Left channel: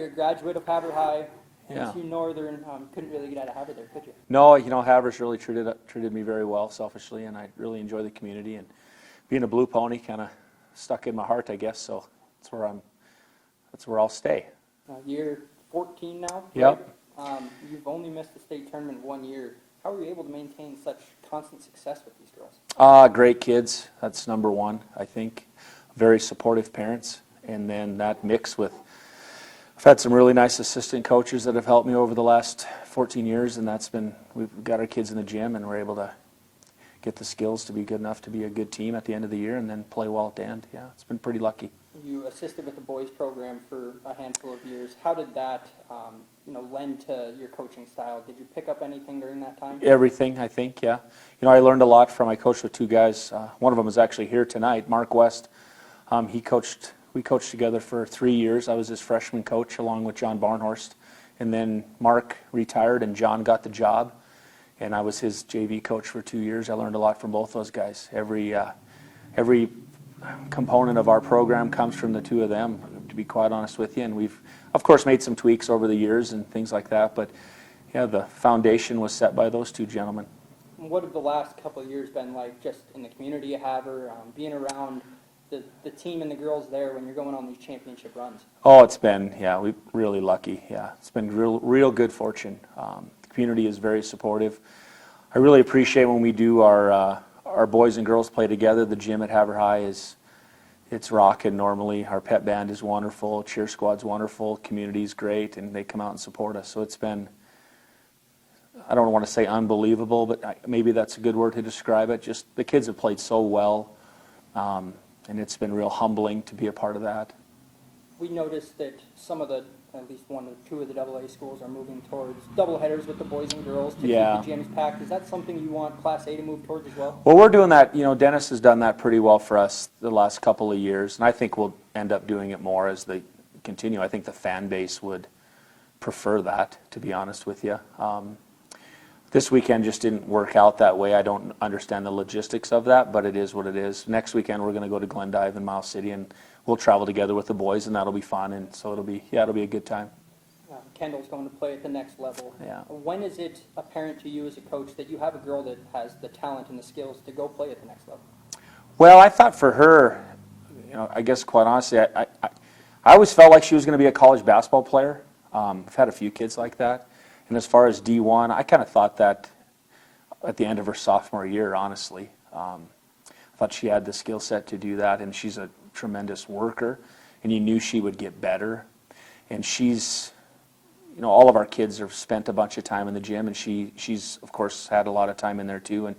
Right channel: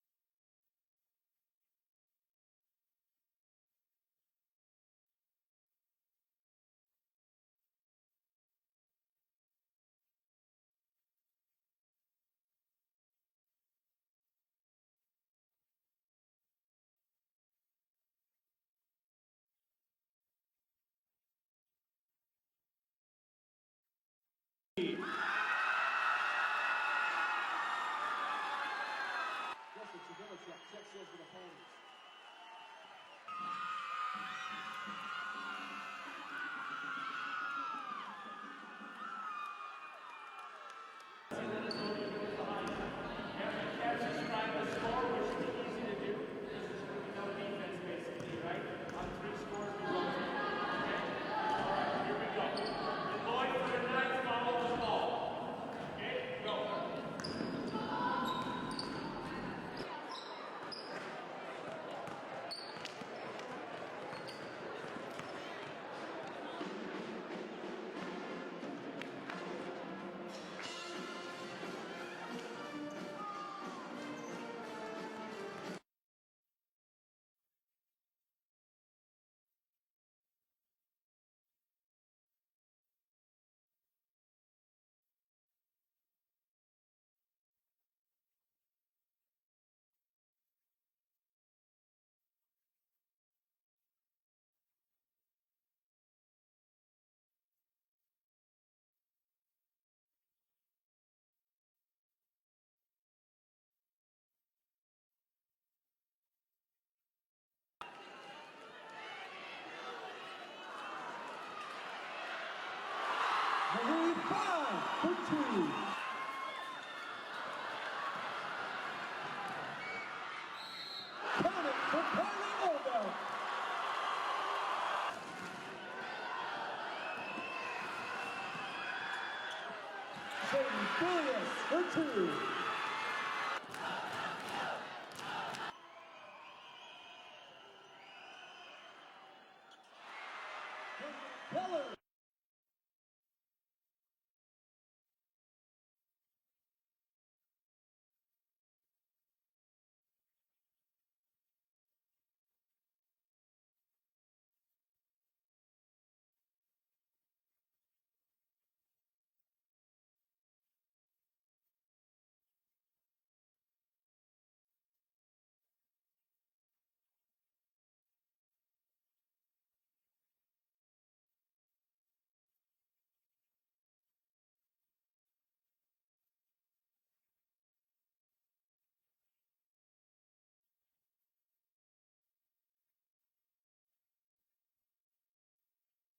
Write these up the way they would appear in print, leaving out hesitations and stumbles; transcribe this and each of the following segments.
you're a graduate of Havre High. Yeah. To Northern, couldn't really get out of Havre there, could you? No, Havre's really treated me very well, selfishly, and I really enjoy the community. And being a Blue Pony kind of stuck in my heart, I guess. So that's where I'll stay. You're 14 now. Yep. Right? You've only missed the state tournament 1 year. How are you able to maintain such constant success with these girls? Great kids. That's number one, I think. Very supportive parents, and then that mix with. I've had some really nice assistant coaches that have helped me over the last 14 years, and we've got our kids in the gym, and we're able to get the skills to be good enough to be a good team at the end of the year and then play well at the end. Yeah, it's been pretty lucky. You assisted with the boys program for a handful of years. How did that lend to your coaching style? Did you pick up anything during that time? Everything, I think, yeah. I learned a lot from, I coached with two guys. One of them is actually here tonight, Mark West. We coached together for 3 years. I was his freshman coach along with John Barnhorst. And then Mark retired and John got the job. And I was his JV coach for 2 years. I learned a lot from both those guys. Every component of our program comes from the two of them, to be quite honest with you. And we've, of course, made some tweaks over the years and things like that. But, yeah, the foundation was set by those two gentlemen. What have the last couple of years been like just in the community you have, or being around the team and the girls there when you're going on these championship runs? Oh, it's been, we're really lucky. Yeah, it's been real good fortune. The community is very supportive. I really appreciate when we do our boys and girls play together. The gym at Havre High it's rocking normally. Our pep band is wonderful. Cheer squad's wonderful. Community's great, and they come out and support us. So it's been, I don't want to say unbelievable, but maybe that's a good word to describe it. Just the kids have played so well. And it's been real humbling to be a part of that. We noticed that some of at least one or two of the AA schools are moving towards doubleheaders with the boys and girls to keep the gyms packed. Is that something you want Class A to move towards as well? Well, we're doing that. Dennis has done that pretty well for us the last couple of years, and I think we'll end up doing it more as they continue. I think the fan base would prefer that, to be honest with you. This weekend just didn't work out that way. I don't understand the logistics of that, but it is what it is. Next weekend we're going to go to Glendive and Miles City, and we'll travel together with the boys, and that'll be fun. And so it'll be a good time. Kendall's going to play at the next level. Yeah. When is it apparent to you as a coach that you have a girl that has the talent and the skills to go play at the next level? Well, I thought for her, I guess quite honestly, I always felt like she was going to be a college basketball player. I've had a few kids like that. And as far as D1, I kind of thought that at the end of her sophomore year, honestly. I thought she had the skill set to do that, and she's a tremendous worker, and you knew she would get better. And she's, all of our kids have spent a bunch of time in the gym, and she's, of course, had a lot of time in there too. And,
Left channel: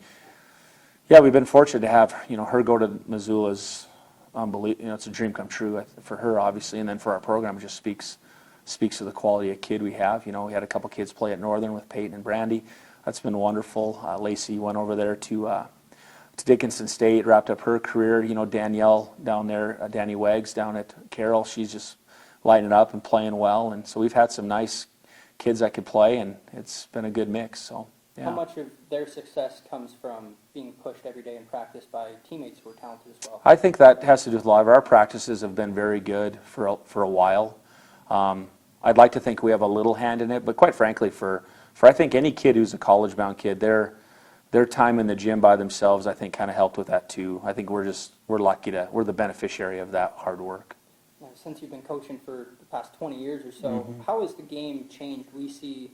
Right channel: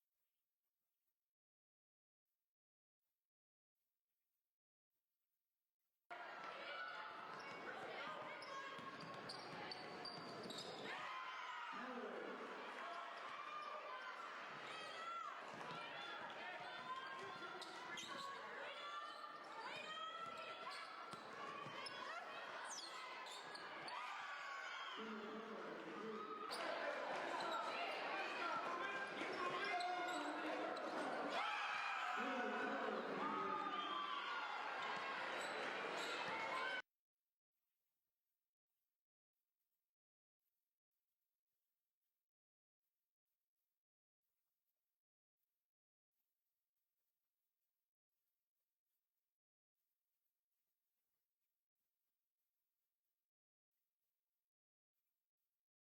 yeah, we've been fortunate to have, her go to Missoula's unbelievable. It's a dream come true for her, obviously, and then for our program, it just speaks to the quality of kid we have. We had a couple kids play at Northern with Peyton and Brandy. That's been wonderful. Lacey went over there to Dickinson State, wrapped up her career. Danielle down there, Danny Wags down at Carroll, she's just lighting up and playing well. And so we've had some nice kids that could play, and it's been a good mix. So, yeah. How much of their success comes from being pushed every day in practice by teammates who are talented as well? I think that has to do with a lot of our practices have been very good for a while. I'd like to think we have a little hand in it, but quite frankly, for I think any kid who's a college-bound kid, their time in the gym by themselves, I think, kind of helped with that too. I think we're lucky we're the beneficiary of that hard work. Now, since you've been coaching for the past 20 years or so, how has the game changed? We see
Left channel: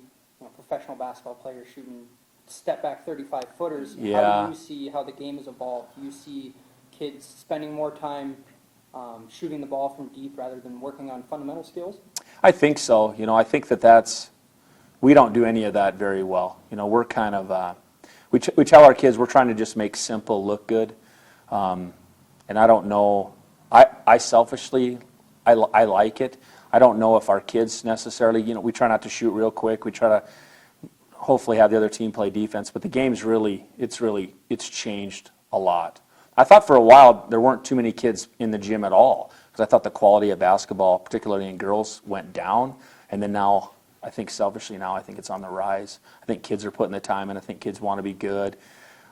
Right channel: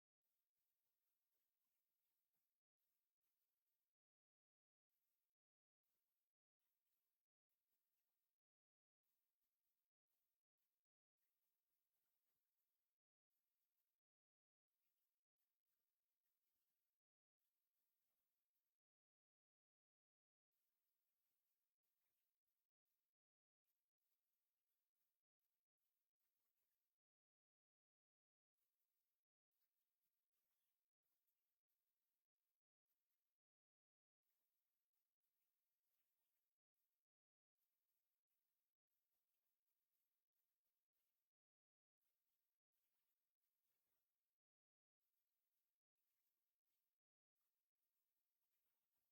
professional basketball players shooting step-back 35-footers. Yeah. How do you see how the game has evolved? Do you see kids spending more time shooting the ball from deep rather than working on fundamental skills? I think so. I think we don't do any of that very well. We're kind of, we tell our kids we're trying to just make simple look good. And I don't know, I selfishly, I like it. I don't know if our kids necessarily, we try not to shoot real quick. We try to hopefully have the other team play defense. But the game's it's changed a lot. I thought for a while there weren't too many kids in the gym at all, because I thought the quality of basketball, particularly in girls, went down. And then now, I think selfishly now, I think it's on the rise. I think kids are putting the time in. I think kids want to be good.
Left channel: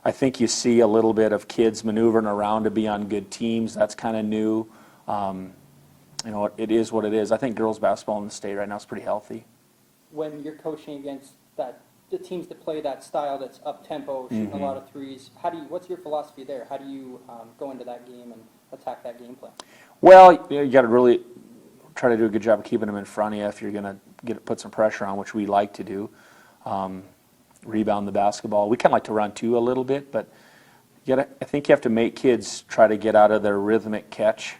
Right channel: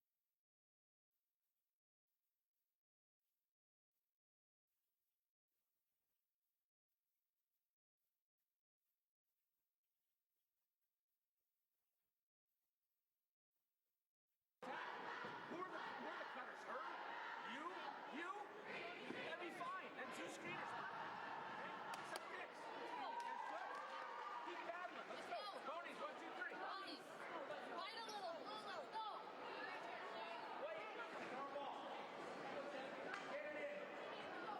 I think you see a little bit of kids maneuvering around to be on good teams. That's kind of new. it is what it is. I think girls basketball in the state right now is pretty healthy. When you're coaching against the teams that play that style that's up tempo, shooting a lot of threes, what's your philosophy there? How do you go into that game and attack that game plan? Well, you got to really try to do a good job of keeping them in front of you if you're going to put some pressure on, which we like to do. Rebound the basketball. We kind of like to run too a little bit, but I think you have to make kids try to get out of their rhythmic catch,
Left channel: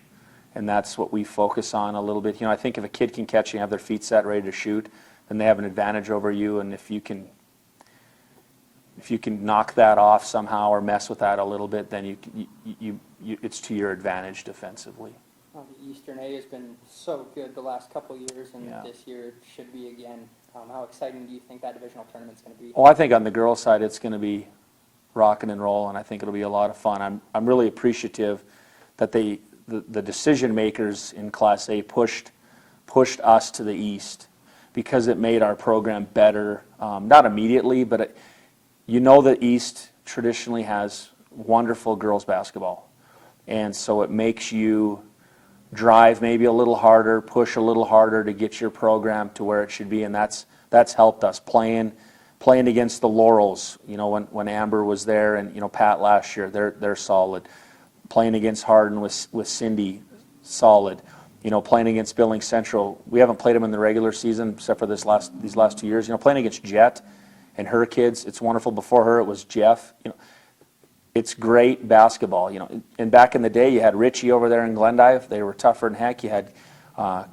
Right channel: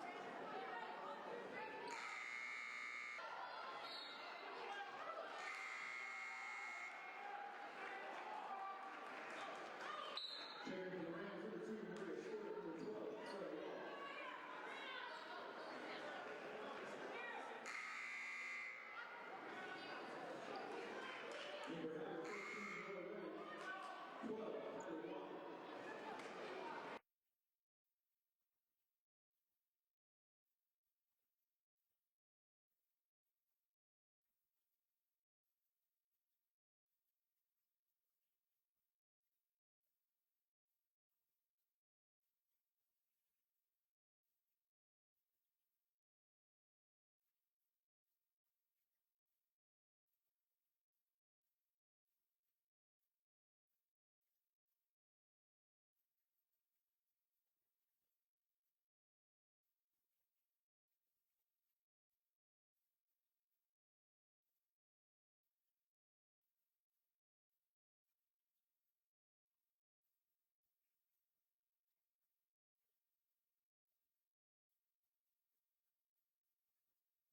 and that's what we focus on a little bit. I think if a kid can catch and have their feet set, ready to shoot, then they have an advantage over you, and if you can knock that off somehow or mess with that a little bit, then it's to your advantage defensively. The Eastern A has been so good the last couple of years, and this year should be again. How exciting do you think that divisional tournament's going to be? Well, I think on the girls' side it's going to be rocking and roll, and I think it'll be a lot of fun. I'm really appreciative that the decision makers in Class A pushed us to the East because it made our program better. Not immediately, but the East traditionally has wonderful girls basketball, and so it makes you drive maybe a little harder, push a little harder to get your program to where it should be, and that's helped us playing against the Laurels. When Amber was there, and Pat last year, they're solid. Playing against Hardin with Cindy, solid. Playing against Billings Central, we haven't played them in the regular season except for these last 2 years. Playing against Jet and her kids, it's wonderful. Before her, it was Jeff. It's great basketball, And back in the day, you had Richie over there in Glendive. They were tougher than heck. You had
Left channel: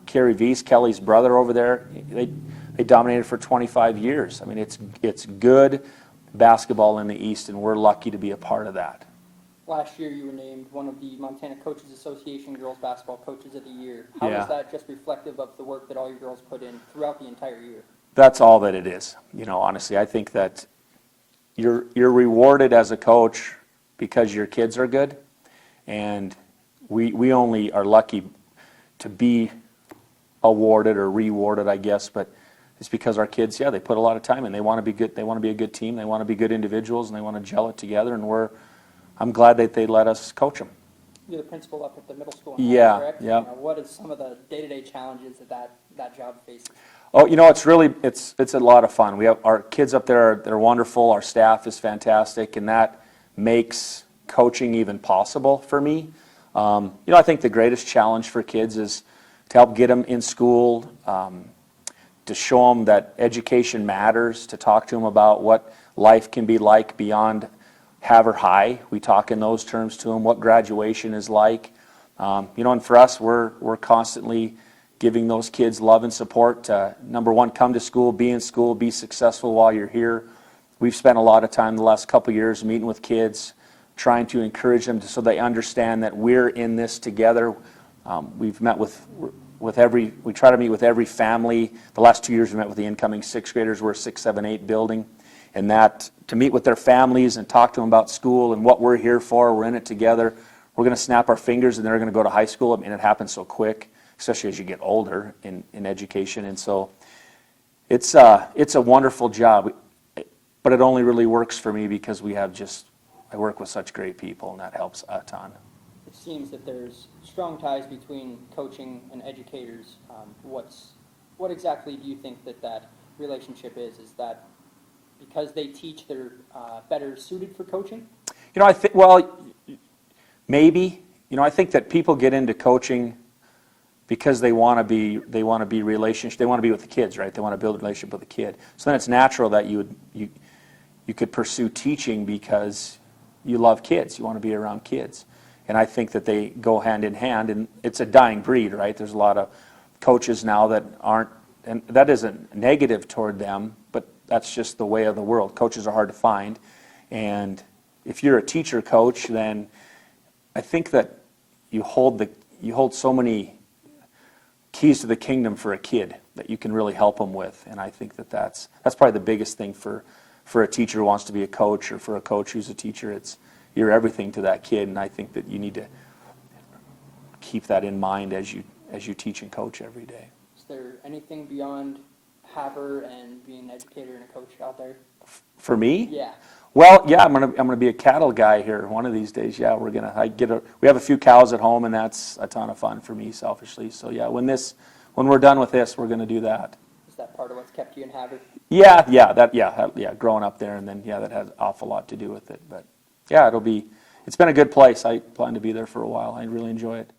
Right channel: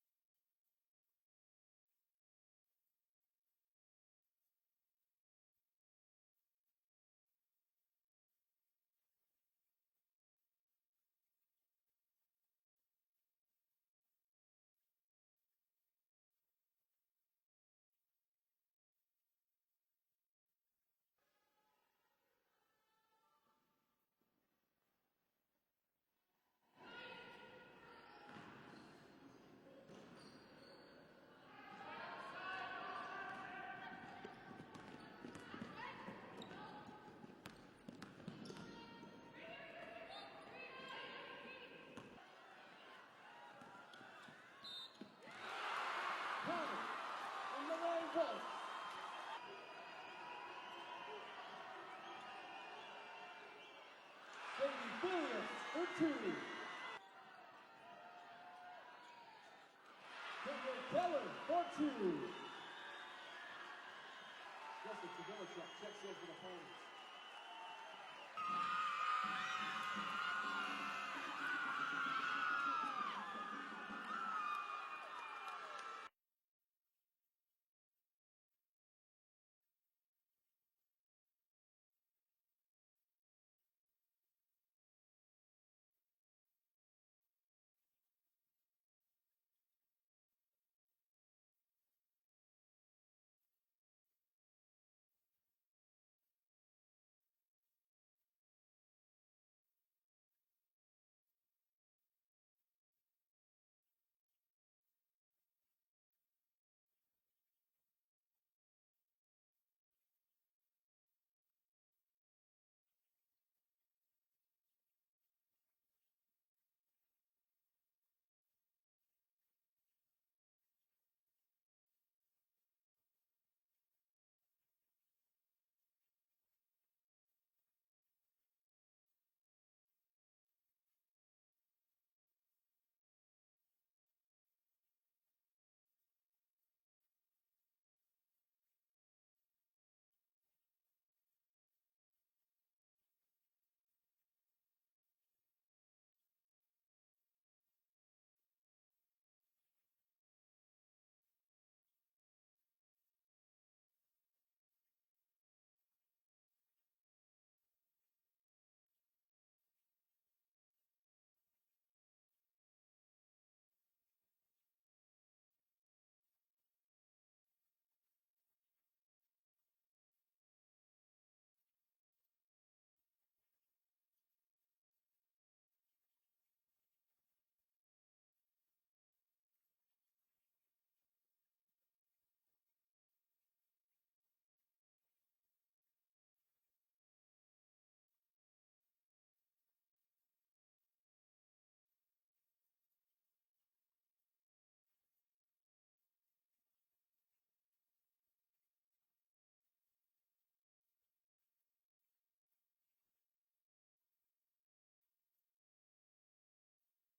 Kerry Weiss, Kelly's brother, over there. They dominated for 25 years. I mean, it's good basketball in the East, and we're lucky to be a part of that. Last year, you were named one of the Montana Coaches Association Girls Basketball Coaches of the Year. How is that just reflective of the work that all your girls put in throughout the entire year? That's all that it is. Honestly, I think that you're rewarded as a coach because your kids are good, and we only are lucky to be awarded or rewarded, I guess, but it's because our kids, they put a lot of time in. They want to be good. They want to be a good team. They want to be good individuals, and they want to gel it together, and I'm glad that they let us coach them. You're the principal up at the middle school, correct? Yeah. What is some of the day-to-day challenges that job faces? Oh, it's a lot of fun. We have our kids up there, they're wonderful. Our staff is fantastic, and that makes coaching even possible for me. I think the greatest challenge for kids is to help get them in school, to show them that education matters, to talk to them about what life can be like beyond Haver High. We talk in those terms to them, what graduation is like. And for us, we're constantly giving those kids love and support to, number one, come to school, be in school, be successful while you're here. We've spent a lot of time the last couple of years meeting with kids, trying to encourage them so they understand that we're in this together. We've met we try to meet with every family. The last 2 years we met with the incoming sixth graders. We're a 6, 7, 8 building. And that, to meet with their families and talk to them about school and what we're here for, we're in it together. We're going to snap our fingers and they're going to go to high school. I mean, it happens so quick, especially as you get older in education. And so it's a wonderful job, but it only really works for me because I work with such great people, and that helps a ton. It seems that there's strong ties between coaching and educators. What exactly do you think that relationship is? Is that because they teach, they're better suited for coaching? I think, maybe. I think that people get into coaching because they want to be relationship. They want to be with the kids, right? They want to build a relationship with the kid. So then it's natural that you could pursue teaching because you love kids. You want to be around kids. And I think that they go hand in hand, and it's a dying breed, right? There's a lot of coaches now that aren't, and that isn't negative toward them, but that's just the way of the world. Coaches are hard to find. And if you're a teacher coach, then I think that you hold so many keys to the kingdom for a kid that you can really help them with. And I think that's probably the biggest thing for a teacher who wants to be a coach, or for a coach who's a teacher. You're everything to that kid, and I think that you need to keep that in mind as you teach and coach every day. Is there anything beyond Haver and being an educator and a coach out there? For me? Yeah. Well, yeah, I'm gonna be a cattle guy here one of these days. Yeah, we have a few cows at home, and that's a ton of fun for me, selfishly. So yeah, when we're done with this, we're gonna do that. Is that part of what's kept you in Havre? Yeah, growing up there, and then yeah, that has an awful lot to do with it. But yeah, it's been a good place. I plan to be there for a while. I really enjoy it.